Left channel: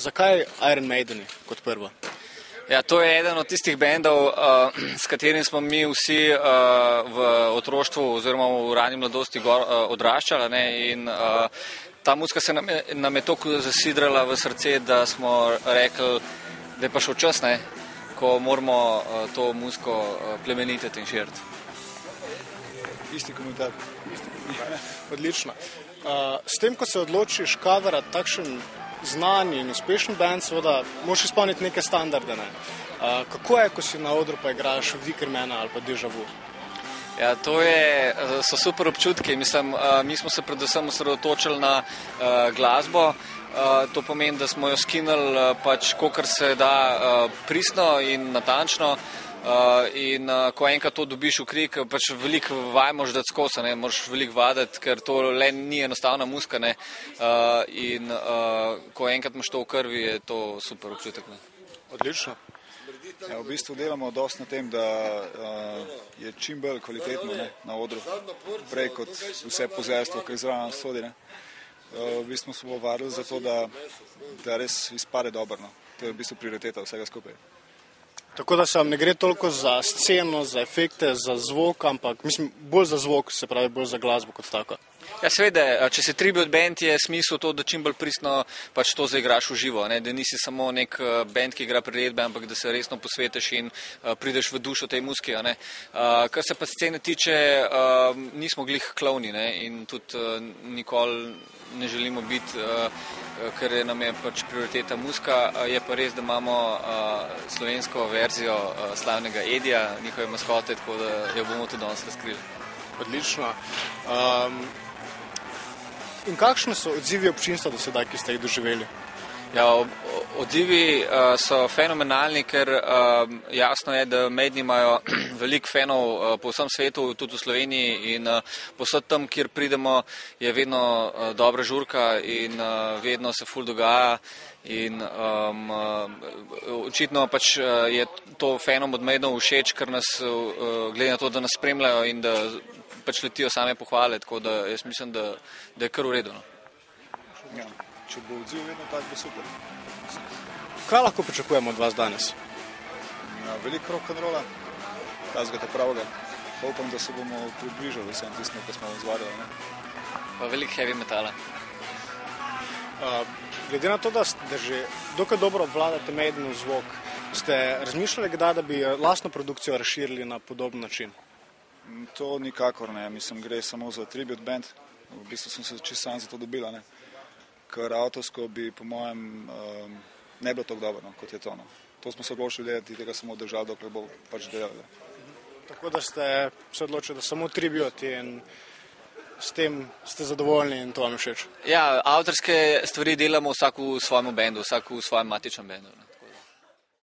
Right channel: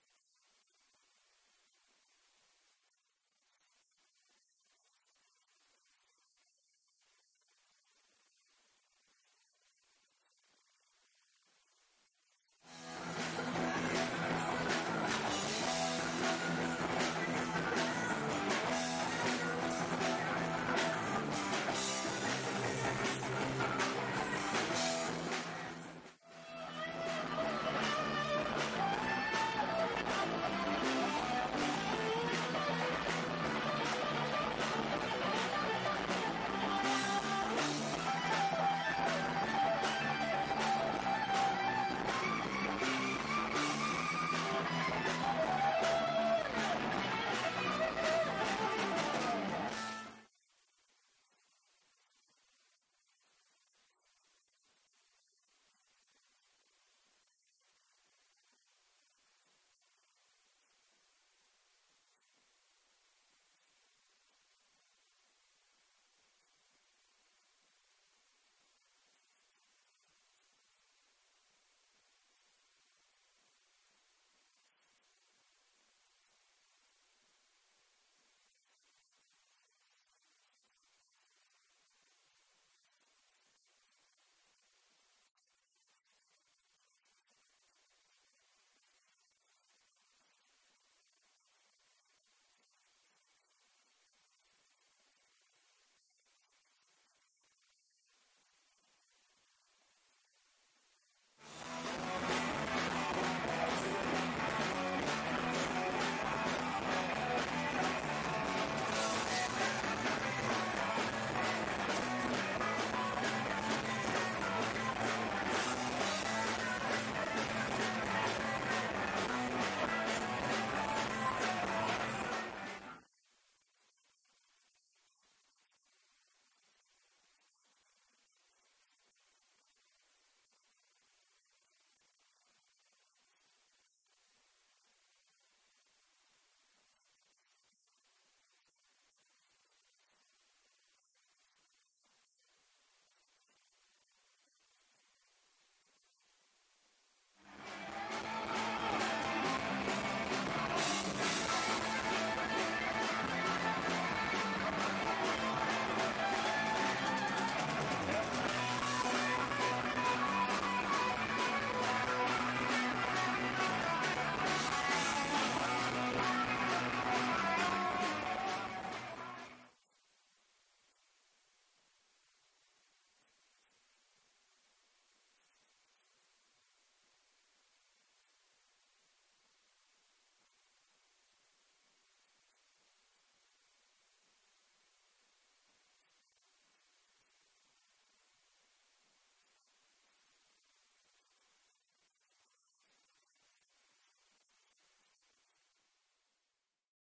Zakaj Iron Maideni kot prvo? Ja, to je eden od tistih bendov, s katerim smo mi vsi v otroštvu oziroma v rani mladosti odraščali, ne, in ta muzika se nam je toliko zasidrala v srce, da smo rekli, da je pa šel čas, ne, ko moramo to muziko plemenititi in širiti. Isti komentar. Odlično. S tem, ko se odločiš kadarati takšen znan in uspešen band, seveda moraš izpolniti neke standarde. Kako je, ko si na odru pa igraš Wickermana ali pa Deja Vu? Ja, so super občutki. Mislim, mi smo se predvsem osredotočili na glasbo. To pomeni, da smo jo skinili pač kolikor se da pristno in natančno. In ko enkrat to dobiš v krik, pač veliko vaj moraš dati skozi, ne, moraš veliko vaditi, ker to le ni enostavna muzika, ne, in ko enkrat imaš to v krvi, je to super občutek, ne. Odlično. Ja, v bistvu delamo dosti na tem, da je čim bolj kvalitetno, ne, na odru, prej kot vse pozerstvo, ki zraven sodi, ne. V bistvu smo varili za to, da res izpade dobro, no. To je v bistvu prioriteta vsega skupaj. Tako da se vam ne gre toliko za sceno, za efekte, za zvok, ampak mislim bolj za zvok, se pravi bolj za glasbo kot tako. Ja, seveda, če si tribute band, je smisel to, da čim bolj pristno pač to zaigraš v živo, ne, da nisi samo nek band, ki igra priredbe, ampak da se resno posvetiš in prideš v dušo tej muziki, ne. Kar se pa scene tiče, nismo glih klovni, ne, in tudi nikoli ne želimo biti, ker nam je pač prioriteta muzika, je pa res, da imamo slovensko verzijo slavnega Edija, njihove maskote, tako da jo bomo tudi danes razkrili. Odlično. In kakšni so odzivi občinstva do sedaj, ki ste jih doživeli? Ja, odzivi so fenomenalni, ker jasno je, da Maideni imajo veliko fanov po vsem svetu, tudi v Sloveniji, in povsod tam, kjer pridemo, je vedno dobra žurka in vedno se ful dogaja. In očitno pač je to fanom od Maidenov všeč, ker nas, glede na to, da nas spremljajo in da pač letijo same pohvale, tako da jaz mislim, da je kar v redu. Ja, če bo odziv vedno tak, da se bo. Kaj lahko pričakujemo od vas danes? Veliko rock'n'rolla, razgate pravega. Upam, da se bomo približali vsem tistim, ko smo izvadili. Veliko heavy metala. Glede na to, da ste že dokaj dobro obvladate Maideni zvok, ste razmišljali kdaj, da bi lastno produkcijo razširili na podoben način? To nikakor ne, mislim, gre samo za tribute band, v bistvu sem se čisto sam za to dobila, ne, ker avtorsko bi po mojem ne bilo tako dobro, no, kot je to, no. To smo se odločili delati, tega samo držali, dokler bo pač delali. Tako da ste se odločili, da samo tribute in s tem ste zadovoljni in to vam je všeč? Ja, avtorske stvari delamo vsak v svojem bendu, vsak v svojem matičnem bendu.